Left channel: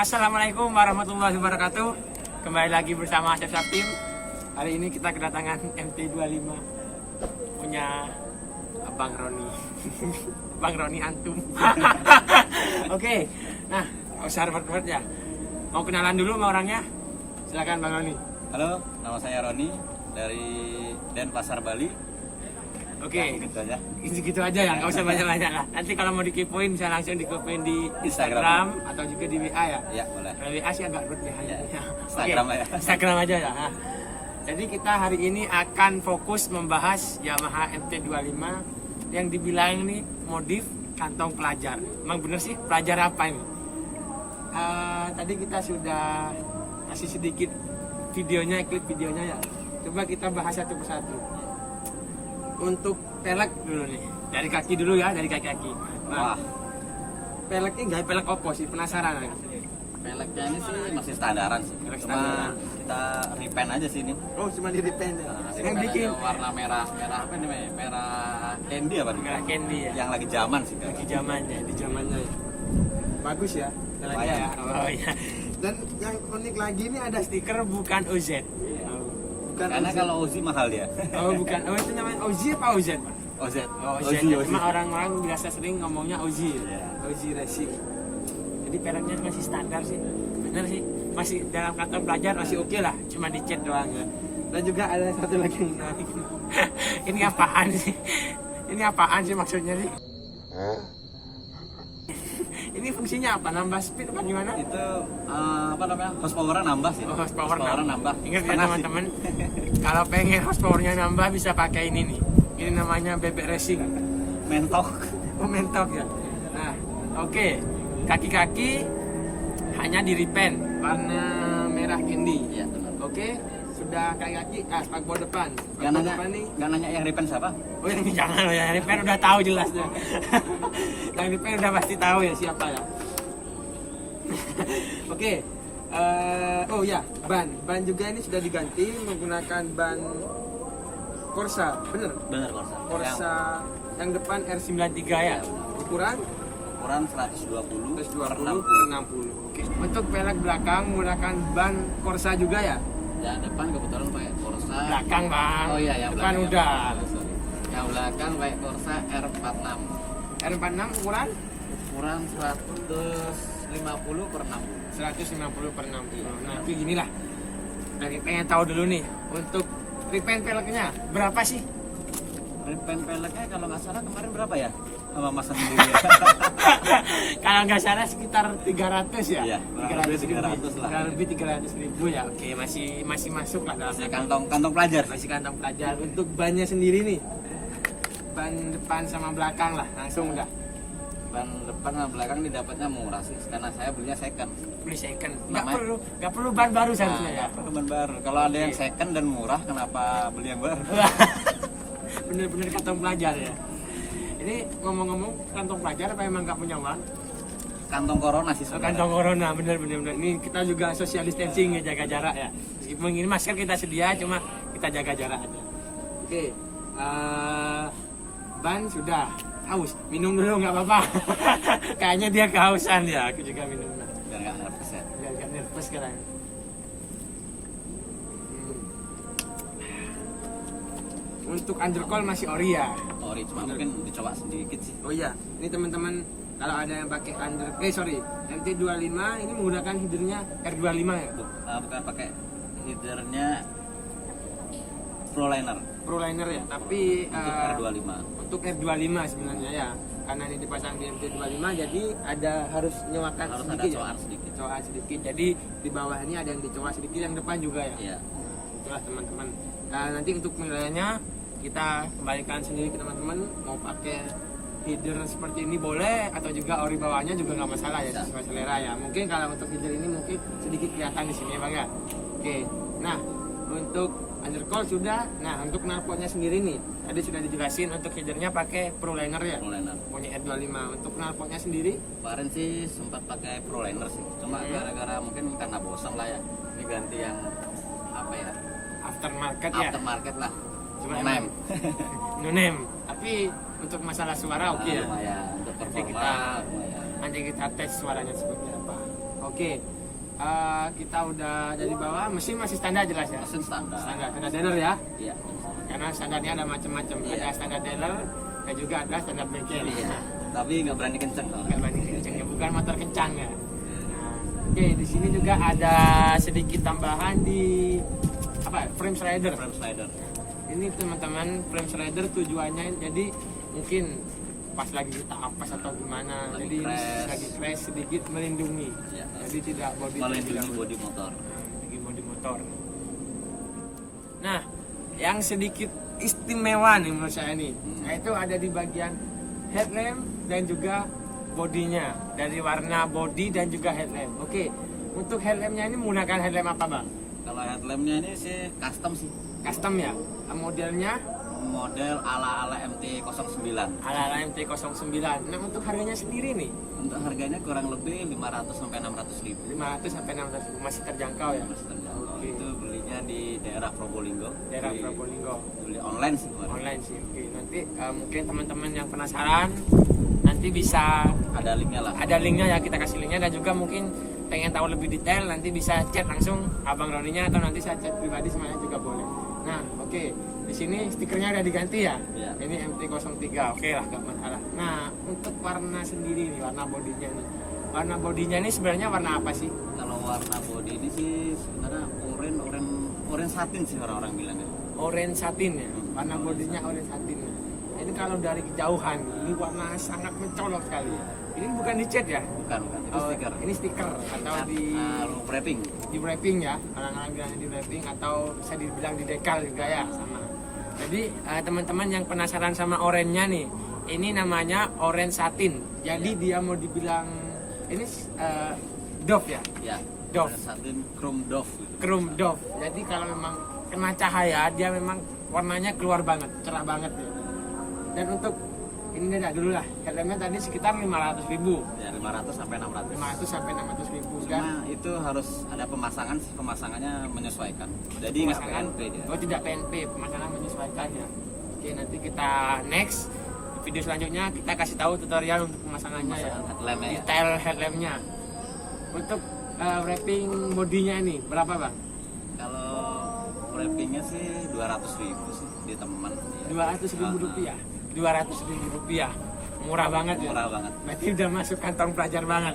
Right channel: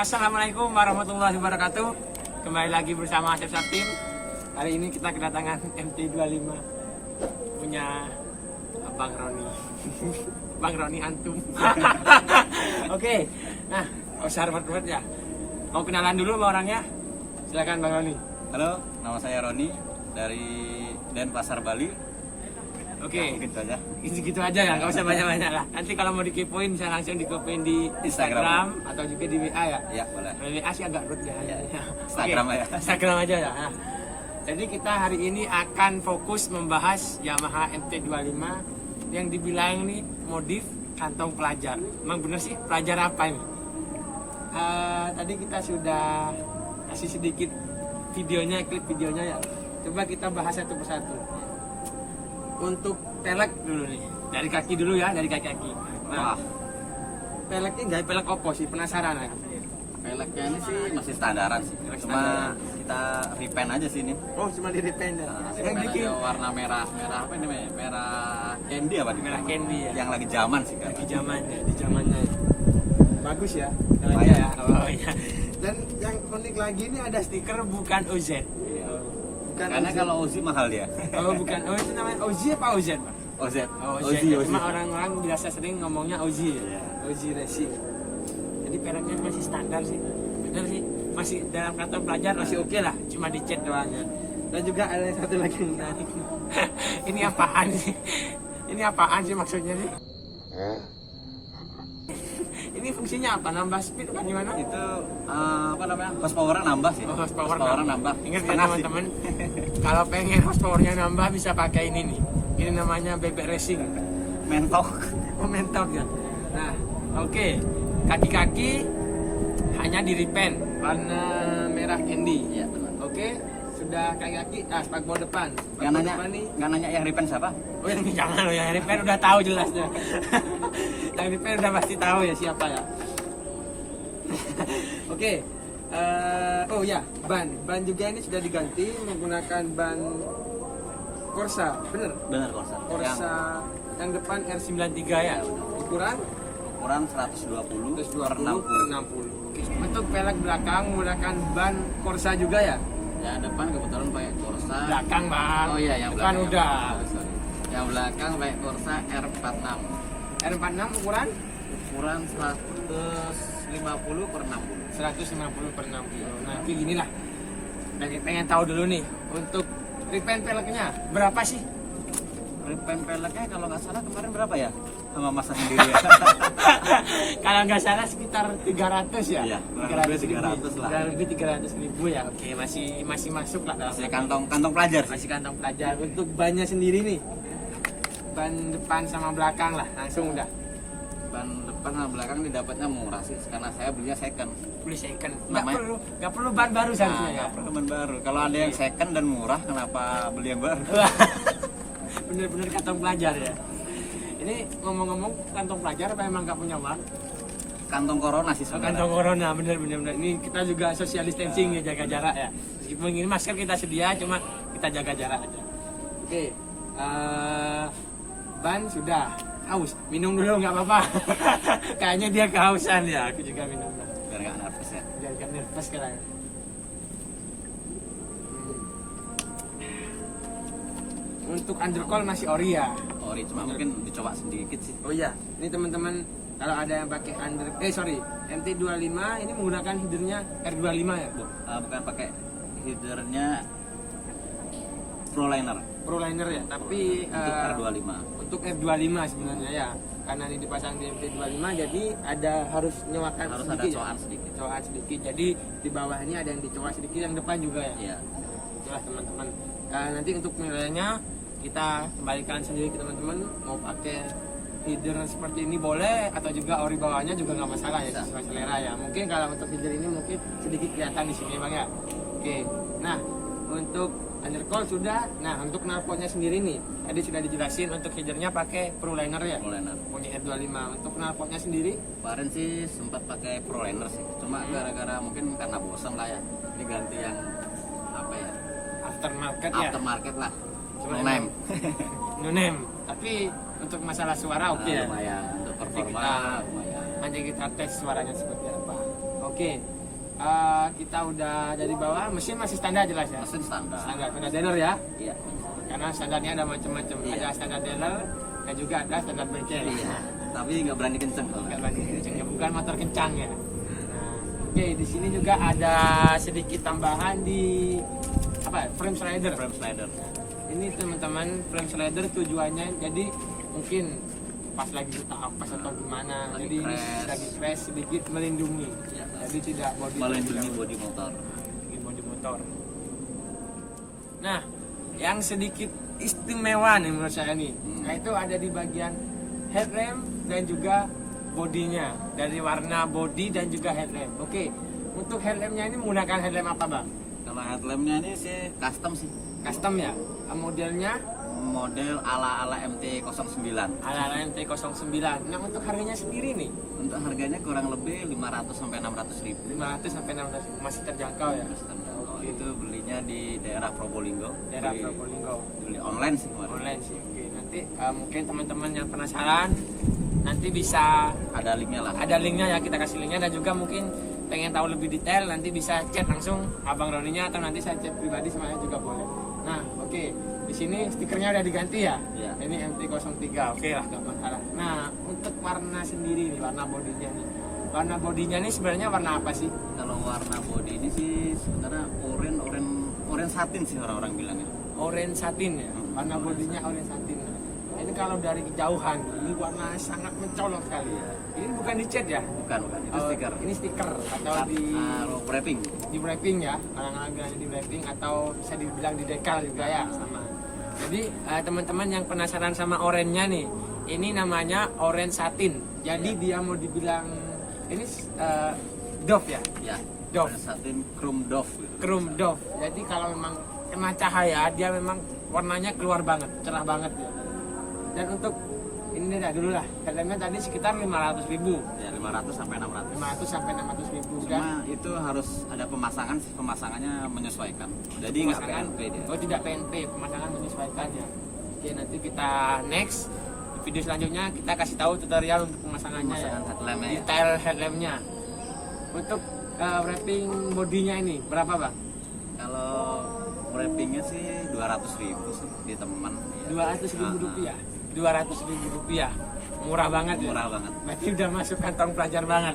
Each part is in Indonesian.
Assalamualaikum warahmatullahi wabarakatuh. Kembali lagi bersama Acep Saktim. Hari ini kita kedatangan MT25 punya Abang Roni. Bang Roni antum. Oke. Nah, usah repot-repot ya. Mau kenalan dulu sama orangnya? Silakan Bang Roni. Halo, nama saya Roni dari Denpasar, Bali. Oke. Nah, gitu aja. Gitu aja ya, nggak usah banyak-banyak lah. Nanti kalau mau dikepoin bisa langsung dikepoin di Instagram atau juga di WA ya. Ya, boleh. Kalau WA sih agak rut ya. Instagram Oke, ya. Instagram aja ya. Nah, jadi kita hari ini akan fokus membahas Yamaha MT25 yang dibilang nih modif kantong pelajar. Emang bener sih pelajar apa ini? Tadi kita sudah kasih sedikit videonya, klip videonya ya. Coba kita bahas satu persatu. Untuk pelek dulu nih, dari kaki dulu ya, dari kaki-kaki. Nah, Wah, pelek ini nggak pelek opo sih, penasaran aja. peleknya ini sih masih standaran sih. Pelek Cuma standar. kita repaint aja sini. Oh, cuma di repaint ya. Yang bikin warna merah apa ini? Merah candy apa nih? merah candy ya. Yang lagi zaman sih. Di zamannya, di zamannya. Ya. Bagus ya, peleknya Lumayan. ya. Oh iya. Dan yang unik lagi ini ada stiker bukan OZ. Iya. Bukan Karena OZ. kalau Ozi mahal dia. Oh bukan, oh itu namanya OZ apa OZ Pak? OZ. Oh, Ozi. Cuma orang-orang biasa sering ngomongnya Ozi ya. Iya. Ozi Racing. Jadi peleknya masih standar sih. Bener sih. Masih dalam kantong pelajar masih oke lah. Cuma dicet doang ya. Dan juga ada satu lagi yang menarik. Ini apaan sih? Ini apaan sih maksudnya sih? Ini fungsinya apa? Nambah speed apa gimana? Itu apa namanya? Horsepower nambah sih. Oh, horsepower nambah. Ingat ya Setengah sih. teman-teman, kalau pengen horsepowernya nambah bisa pakai ini nih. Ini namanya bebek racing. Mentok. Oh, mentok ya. Nah, oke. Kaki-kaki hanya di repaint warna merah candy. Iya, benar. Oke, sudah kaki-kaki. Spakbor depan. Yang Spakbor nanya, depan nih. nggak nanya yang repaint siapa? Oh, ini jangan loh, yang repaint udah tahu jelasnya. Yang repaint udah pasti tahu ya siapa ya. Oke. Oh ya, ban juga ini sudah diganti menggunakan ban Corsa, bener? Benar Corsa. Corsa yang depan R93 ya. Ukuran Ukuran 120 per 120 per 60. Oke. Untuk pelek belakang menggunakan ban Corsa juga ya? Yang depan kebetulan pakai Corsa. Belakang bang. Oh iya, yang depan belakang udah. sorry. Yang belakang pakai Corsa R46. R46 ukuran Ukuran 150 per 60. 150 per 60. Nah, tapi gini lah. Tapi pengen tahu dulu nih untuk repaint peleknya berapa sih? Repaint peleknya kalau nggak salah kemarin berapa ya? Sama masa sendiri. Kalau nggak salah sekitar 300 ya? Iya, 300 ribu. 300 lah. Kurang lebih 300 ribu ya. Oke, masih masuk lah dalam Masih kantong pelajar. masih kantong pelajar. Untuk bannya sendiri nih, ban depan sama belakang lah, langsung udah Ban depan sama belakang didapatnya murah sih karena saya belinya second. beli second. Namanya- Nggak perlu ban baru seharusnya Nah, ya. nggak perlu ban baru. Kalau ada yang second dan murah, kenapa beli yang baru? Bener-bener kantong pelajar ya. Ini ngomong-ngomong kantong pelajar apa emang nggak punya uang? Kantong corona sih Oh, sebenarnya. kantong corona bener. Ini kita juga social distancing ya, jaga jarak ya. Meskipun ini masker kita sedia, cuma kita jaga jarak aja. Oke, ban sudah. Haus, minum dulu nggak apa-apa. Kayaknya dia kehausan ya. Aku juga minum lah. Biar nggak nervous ya. Biar nggak nervous sekarang. Untuk undercoil masih ori ya. Ori cuma mungkin dicoba sedikit sih. Oh iya, ini teman-teman kalau ada yang pakai MT25 ini menggunakan headernya R25 ya, Bu? Bukan pakai headernya Proliner Proliner ya, tapi untuk R25. untuk R25 sebenarnya ya. Karena ini dipasang di MT25 jadi harus nyewakan Harus ada sedikit. coar sedikit. Coar sedikit. Jadi di bawah ini ada yang dicoak sedikit, yang depan juga ya. Iya. Itulah teman-teman. Nah, nanti untuk penilaiannya kita kembalikan sendiri ke teman-teman, mau pakai header seperti ini boleh atau juga ori bawahnya juga nggak masalah ya, sesuai selera ya. Mungkin kalau untuk header ini mungkin sedikit kelihatan di sini bang ya. Oke, nah untuk undercoil sudah. Nah untuk knalpotnya sendiri nih, tadi sudah dijelasin untuk headernya pakai Proliner ya, Proliner. punya R25. Untuk knalpotnya sendiri Kemarin sih sempat pakai Proliner sih. Cuma gara-gara mungkin karena bosan lah ya, diganti yang apa ya? aftermarket ya, Aftermarket lah. cuma No-name. no-name. Tapi untuk masalah suara oke ya. Lumayan untuk performa Kita- lumayan. Nanti kita tes suaranya seperti apa. Oke. Kita udah dari bawah, mesin masih standar jelas ya. Mesin standar. Standar dealer ya. Iya. Karena standarnya ada macam-macam. Iya. Ada standar dealer, dan juga ada standar bengkel. Iya. Nah, Tapi nggak berani kenceng kalau. nggak banyak kencang, bukan motor kencang ya. Nah, oke, di sini juga ada sedikit tambahan di frame slider. Frame slider. Ini teman-teman frame slider tujuannya jadi mungkin pas lagi kita apa atau gimana, Lagi jadi crash. lagi crash sedikit melindungi. Ya. Jadi tidak Melindungi bodi motor. bodi motor. Nah, yang sedikit istimewa nih menurut saya nih, itu ada di bagian headlamp dan juga bodinya, dari warna body dan juga headlamp. Oke, untuk headlampnya ini menggunakan headlamp apa, Bang? Kalau headlampnya ini sih custom sih. Custom ya, modelnya Model ala-ala MT-09. ala-ala MT-09. Nah, untuk harganya sendiri nih, Untuk harganya kurang lebih 500 sampai 600 ribu. 500 sampai 600 masih terjangkau ya. Mas terjangkau. Oke. Itu belinya di daerah Probolinggo. Daerah Beli- Probolinggo. Beli online sih kemarin. Online sih. Oke, nanti mungkin teman-teman yang penasaran nanti bisa Ada linknya lah. ada linknya ya, kita kasih linknya, dan juga mungkin pengen tahu lebih detail nanti bisa chat langsung Abang Roninya, atau nanti saya chat pribadi sama saya juga boleh. Nah, oke. Di sini stikernya udah diganti ya. Iya. Ini MT-03. Oke lah, gak masalah. Nah, untuk warna sendiri nih, warna bodinya nih. Warna bodinya ini sebenarnya warna apa sih? Kalau warna body ini sih sebenarnya orange satin sih orang-orang bilangnya. Orange satin ya. Warna bodinya orange satin. Ini kalau dari kejauhan, ini warna sangat mencolok sekali. Ini bukan dicat ya? Bukan, itu Oh, stiker. Ini stiker atau Wrapping. di wrapping ya, orang-orang bilang di wrapping, atau bisa dibilang di dekal juga ya, sama. Jadi teman-teman yang penasaran sama oranye nih, ini namanya orange satin. Jadi dia mau dibilang ini doff ya, Ya. Doff. Orange satin chrome doff. Gitu. chrome doff. Jadi kalau memang kena cahaya dia memang warnanya keluar banget, cerah banget ya. Dan untuk ini dah dulu lah, headlampnya tadi sekitar 500.000, Ya 500 sampai 600. 500 sampai 600.000 Cuma dan itu harus ada pemasangannya menyesuaikan. Jadi nggak pemasangan. PNP dia. Oh, tidak PNP, pemasangan menyesuaikannya. Oke, nanti kita next video selanjutnya kita kasih tahu tutorial untuk pemasangannya ya. Pemasangan headlampnya. Detail headlampnya. Untuk wrapping bodinya ini berapa, Bang? Kalau wrappingnya sih 200.000 sih di teman. 200.000 rupiah. 200.000 rupiah. Murah banget ya. Murah banget. Berarti udah masuk kantong pelajar banget.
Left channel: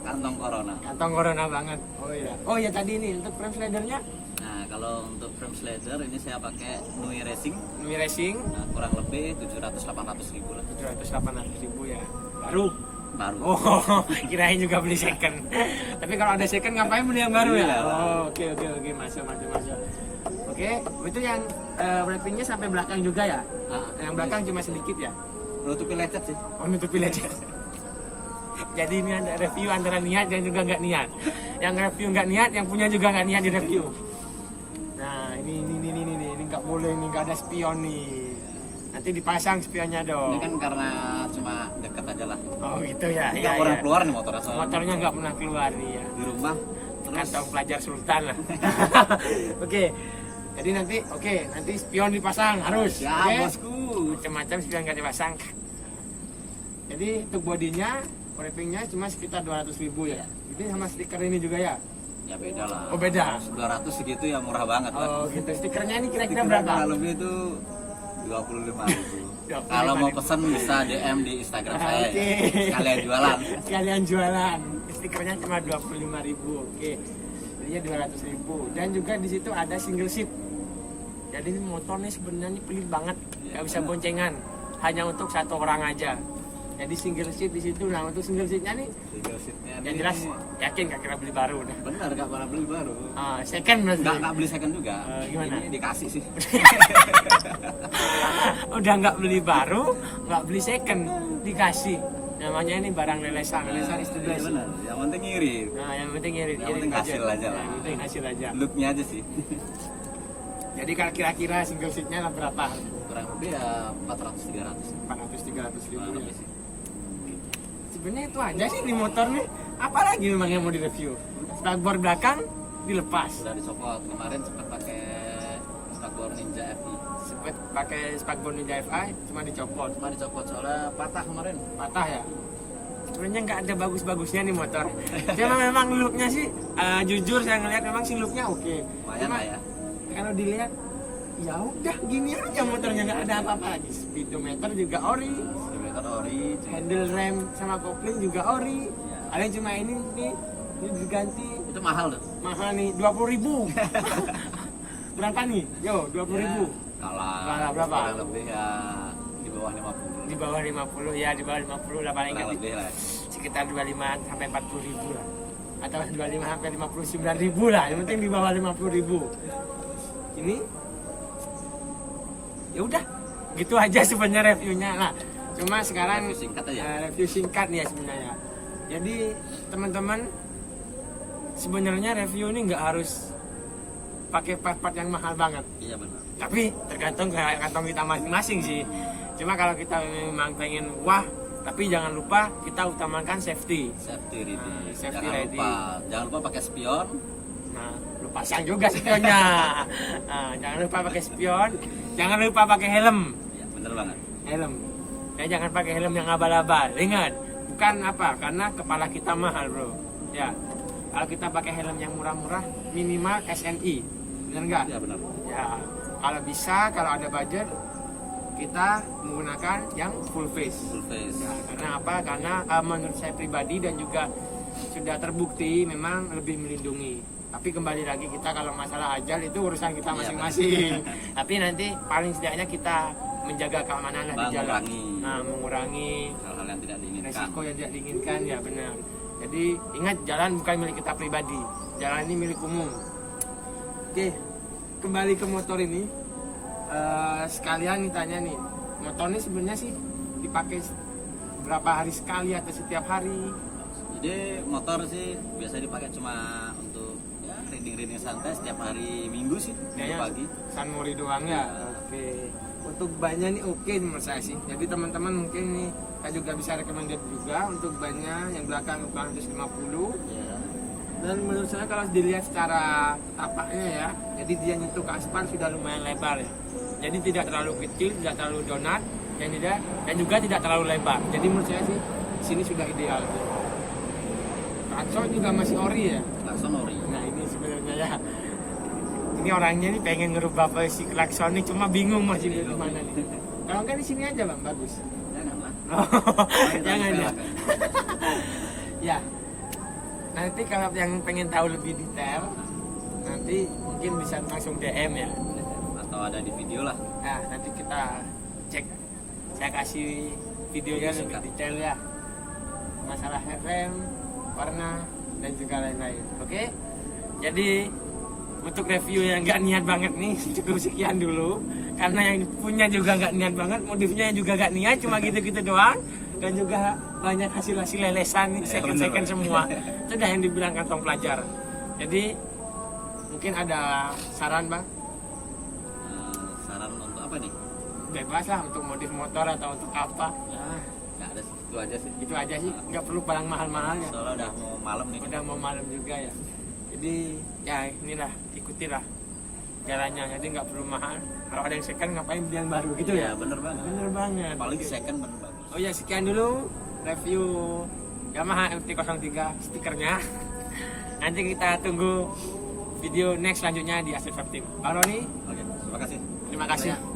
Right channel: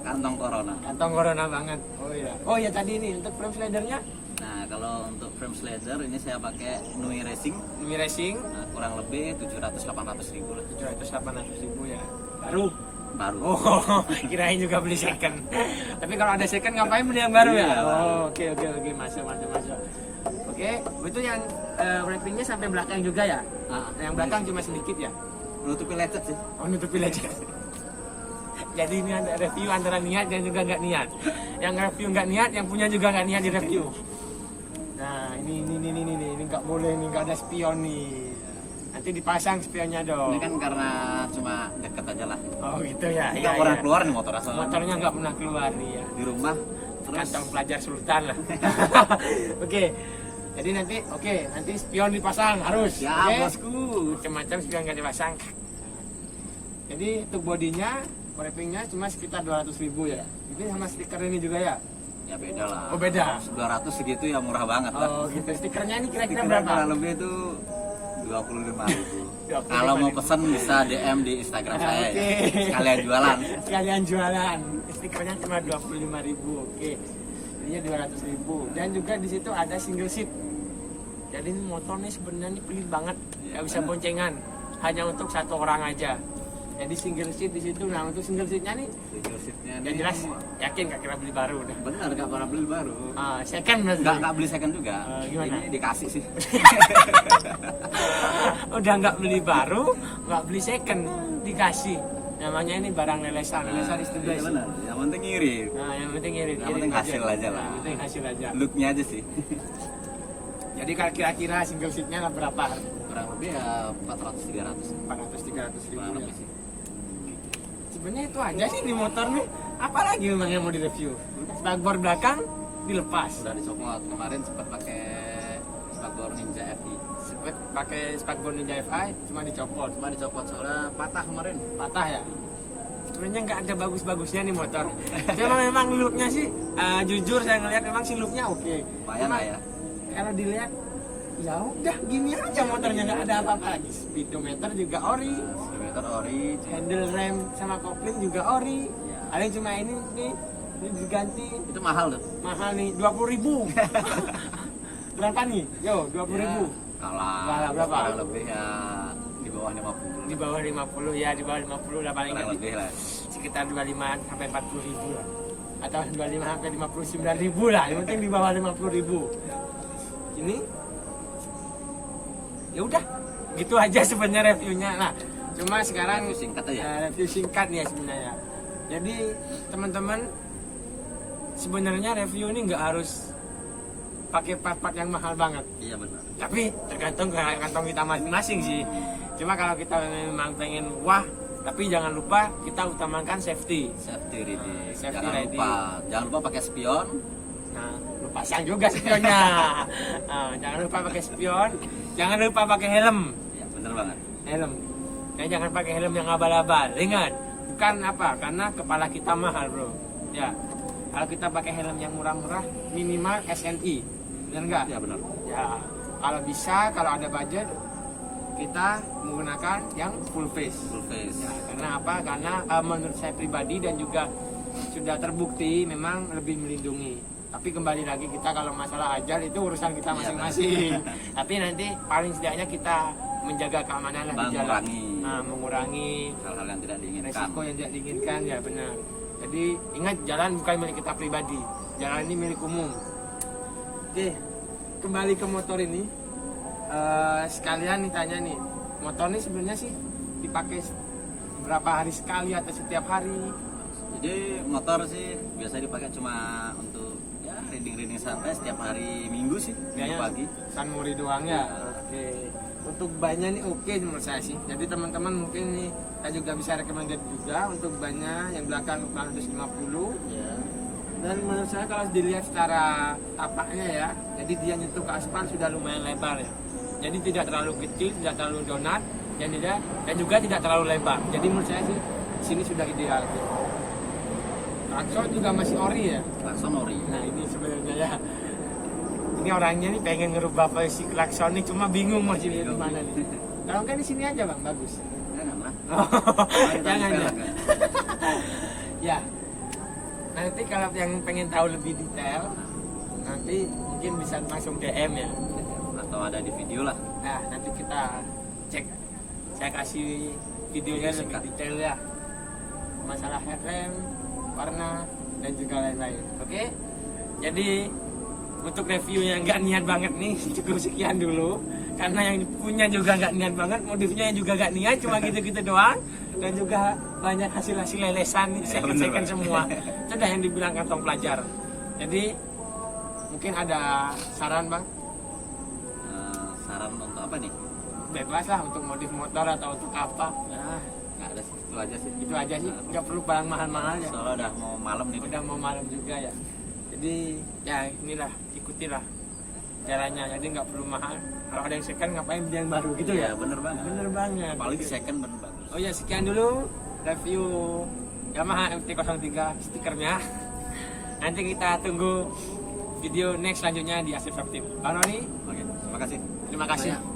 Kantong corona. Kantong corona banget. Oh iya. Oh iya, tadi ini untuk frame slidernya Nah kalau untuk frame slider ini saya pakai Nui Racing. Nui Racing Nah, kurang lebih 700-800 ribu lah. 700-800.000 ya. Baru. Baru. Oh, kirain juga beli second. Tapi kalau ada second ngapain beli yang baru ya? Iya. Oh, oke, masuk. Oke, itu yang wrappingnya sampai belakang juga ya? Ah, Yang belakang cuma sedikit ya? nutupi lecet sih. Oh, nutupi aja. Jadi ini ada review antara niat dan juga nggak niat. Yang review nggak niat, yang punya juga nggak niat di review. Nah, ini nggak boleh nih, nggak ada spion nih. Nanti dipasang spionnya dong. Ini kan karena cuma deket aja lah. Oh gitu ya. Ini Iya, nggak pernah iya. keluar nih motor asal. Motornya nggak pernah keluar ya. Di rumah terus Kantong pelajar sultan lah. Oke. Jadi nanti spion dipasang harus. Ya Oke? bosku. Macam-macam spion nggak dipasang. Jadi untuk bodinya, wrappingnya cuma sekitar 200.000 ya. Ini sama stiker ini juga ya. Ya beda lah. Oh, beda. 200 segitu ya murah banget lah. Oh gitu. Stikernya ini kira-kira Stikernya berapa? kurang lebih itu 25.000. 25.000. Kalau mau pesan bisa DM di Instagram saya Oke. ya. Sekalian jualan. Sekalian jualan. Stikernya cuma 25.000. Oke. Ininya 200.000. Dan juga di situ ada single seat. Jadi ini motornya sebenarnya pelit banget. Gak bisa boncengan. Hanya untuk satu orang aja. Jadi single seat di situ. Nah, untuk single seatnya nih, Single seatnya yang ini jelas yakin gak kira beli baru udah. benar gak pernah beli baru. Second berarti. Nggak beli second juga. Gimana? Ini dikasih sih. Udah nggak beli baru, nggak beli second, dikasih. Namanya ini barang lelesan is the Iya best. benar. Yang penting ngirit. Nah, yang penting ngirit. Yang penting hasil aja lah. Yang penting hasil aja. Looknya aja sih. Jadi kalau kira-kira single seatnya lah berapa? Kurang lebih ya 400-300. 400-300 Kurang ribu. lebih sih. Sebenarnya itu aja sih di motor nih. Apalagi memang yang mau direview? Spakbor belakang dilepas. Udah dicopot kemarin sempat pakai Spakbor Ninja FI. Sempet pakai spakbor Ninja FI cuma dicopot. Cuma dicopot soalnya patah kemarin. Patah ya. sebenarnya nggak ada bagus-bagusnya nih motor. Cuma memang looknya sih, jujur saya ngeliat memang sih looknya oke. Lumayan Cuma lah ya. kalau dilihat, ya udah gini aja motornya, nggak ada apa-apa lagi. Speedometer juga ori, Speedometer ori. handle rem sama kopling juga ori. Ya. Ada cuma ini diganti Itu mahal tuh. mahal nih 20.000. Berapa nih? Yo 20.000. Kalah berapa? kurang lebih ya di bawah 50. Di bawah 50 ya, di bawah 50 udah paling Kurang gede. lebih lah. Sekitar 25 sampai 40.000 lah. Atau 25 sampai 59.000 lah. Yang penting di bawah 50.000. Ini ya udah gitu aja sebenarnya reviewnya. Nah, cuma sekarang Review singkat aja. review singkat nih ya sebenarnya. Jadi teman-teman, sebenarnya review ini nggak harus pakai part-part yang mahal banget. Iya benar. Tapi tergantung ke kantong kita masing-masing sih. Cuma kalau kita memang pengen wah, tapi jangan lupa kita utamakan safety. Safety riding. Safety jangan riding. jangan lupa pakai spion. Nah, lu pasang juga spionnya. Nah, jangan lupa pakai spion, jangan lupa pakai helm. Ya benar banget. Helm. Ya jangan pakai helm yang abal-abal. Ingat, bukan apa? Karena kepala kita mahal, Bro. Ya. Kalau kita pakai helm yang murah-murah, minimal SNI. Benar enggak? Ya benar. Ya, kalau bisa, kalau ada budget, kita menggunakan yang full face. Full face. Ya, karena apa? Karena menurut saya pribadi dan juga sudah terbukti memang lebih melindungi. Tapi kembali lagi kita kalau masalah ajal itu urusan kita masing-masing. Tapi nanti paling setidaknya kita menjaga keamanan lah di jalan. Nah, mengurangi Hal-hal yang tidak diinginkan. resiko yang tidak diinginkan, ya benar. Jadi ingat, jalan bukan milik kita pribadi, jalan ini milik umum. Oke, kembali ke motor ini. Sekalian ditanya nih, motor ini sebenarnya sih dipakai berapa hari sekali atau setiap hari? Jadi motor sih biasa dipakai cuma untuk ya riding santai setiap hari Minggu sih, Minggu pagi. San Mori doang ya. Oke. Untuk bannya nih oke menurut saya sih. Jadi teman-teman mungkin nih kita juga bisa recommended juga untuk bannya yang belakang 450. Ya. Dan menurut saya kalau dilihat secara tapaknya ya, jadi dia nyentuh ke aspal sudah lumayan lebar ya. Jadi tidak terlalu kecil, tidak terlalu donat, dan juga tidak terlalu lebar. Jadi menurut saya sih sini sudah ideal. Klakson juga masih ori ya. Klakson ori. Nah ini sebenarnya ya. Ini orangnya nih pengen ngerubah versi klakson ini, cuma bingung masih lihat di mana nih. Kalau kan di sini aja bang, bagus. Jangan lah. Jangan ya. Ya. Nanti kalau yang pengen tahu lebih detail, nanti mungkin bisa langsung DM ya. Atau ada di video lah. Nah nanti kita cek. Saya kasih videonya lebih detail ya. Masalah headlamp, warna, dan juga lain-lain. Oke? Jadi untuk review yang nggak niat banget nih, cukup sekian dulu. Karena yang punya juga nggak niat banget, modifnya juga nggak niat, cuma gitu-gitu doang. Dan juga banyak hasil-hasil lelesan nih, second semua. Itu udah yang dibilang kantong pelajar. Jadi mungkin ada saran bang? Saran untuk apa nih? Bebas lah untuk modif motor atau untuk apa. Nah, nggak ada sih, itu aja sih. Itu aja sih, nggak perlu barang mahal-mahal ya. Soalnya udah mau malam nih. Udah mau malam juga ya. Jadi ya inilah, ikutilah jalannya, jadi nggak perlu mahal. Kalau ada yang second ngapain beli yang baru gitu ya? Bener banget. Bener banget. Paling second bener banget. Oh ya, sekian dulu review Yamaha MT-03 stikernya. Nanti kita tunggu video next selanjutnya di Asli Shop Team. Bang Roni, Oke, terima kasih. terima kasih. Banyak.